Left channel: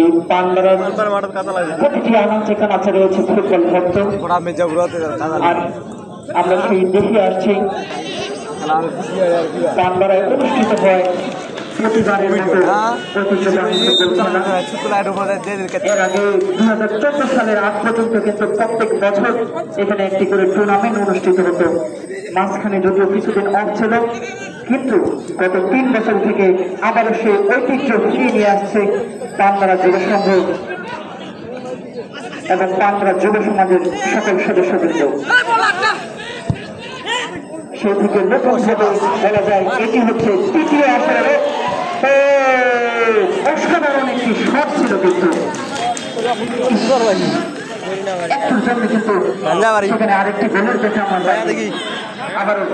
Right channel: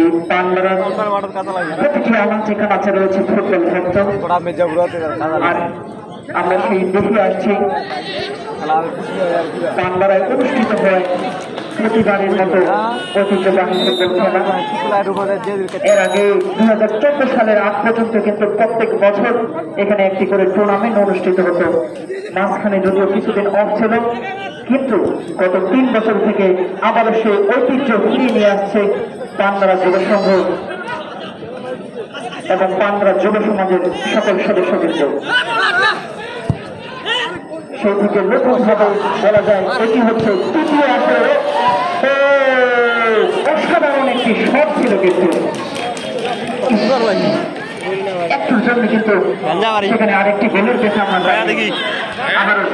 এই পান্ডারের প্রতিটি আনাচে ঠিকানা রয়েছে ফুটবল ভক্ত। আর আমরা সেই দেখে আসছি পান্ডারায় অনুষ্ঠিত হয় প্রতিবারের মতো ঐতিহ্যবাহী ফুটবল খেলা। এর আগে 2014 সালের আগ পর্যন্ত কিন্তু প্রত্যেক বছর এখানে একটি করে টুর্নামেন্ট অনুষ্ঠিত হতো। মাঝখানে যদিও কিছুদিন অফ ছিল, কিন্তু গত 3 বছর থেকে আবারও সেই ঐতিহ্য ফিরিয়ে নিয়ে আসছে পান্ডারা যুব সংঘ এবং পান্ডারা যুব সমাজের সকল সদস্যবৃন্দ। সেই থেকে নতুন ভাবে বলা যায় এটি হচ্ছে তৃতীয় আসরের অসাধারণ একটি শট ছিল, কিন্তু একটুর জন্য কিন্তু সেখানে আরেকটি গোলের দেখে আমরা দেখি। আবারও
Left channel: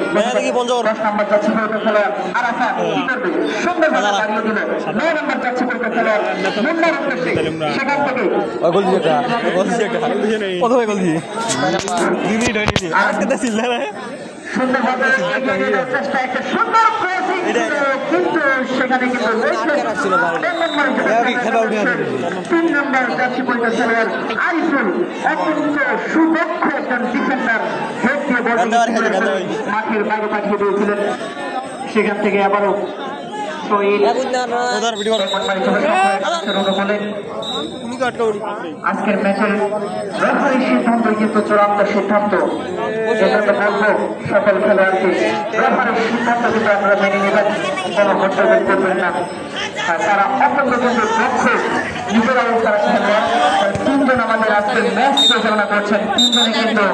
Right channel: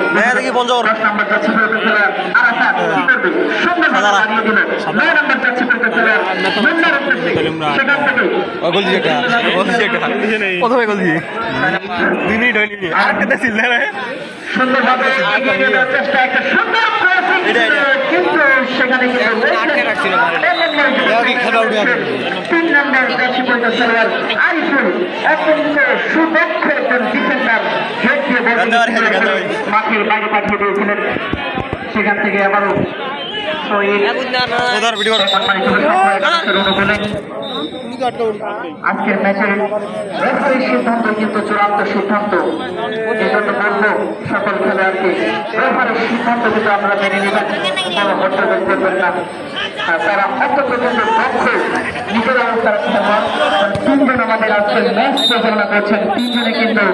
10 নাম্বার যাচ্ছে খেলোয়াড় আরাফাত কি করবে, সুন্দর দাঁড়িয়ে দিল। 9 নাম্বার যাচ্ছে খেলোয়াড় মুন্নার উদ্দেশ্যে, সেখান থেকে গোল প্রথমে গোল দিয়ে আরেকটা ছিল না, সুন্দরভাবে এগিয়ে নিয়ে যাওয়ার চেষ্টা, একটা সুন্দর ক্রসিং, কিন্তু সেখানে কিন্তু 3 নম্বর যাচ্ছে খেলোয়াড় আরিফুল, অত্যন্ত সুদক্ষ একজন ডিফেন্ডার, হেড দিয়ে মাঠের বাইরে পাঠিয়ে দিয়েছিলেন। সেখান থেকে আবারও আজকের ম্যাচের রেফারির সিদ্ধান্ত কিন্তু চূড়ান্ত সিদ্ধান্ত। এজন্য বলবো সকল খেলোয়াড়কে রেফারির সিদ্ধান্ত যদি আমরা মেনে নিলাম কোনো বক্তব্য করবেন না। তারা অত্যন্ত কিন্তু দক্ষ নিজেরাও তারা খেলোয়াড়। 3 জন আমাদের আজকের ম্যাচ পরিচালনা করছেন, 3 জনে কিন্তু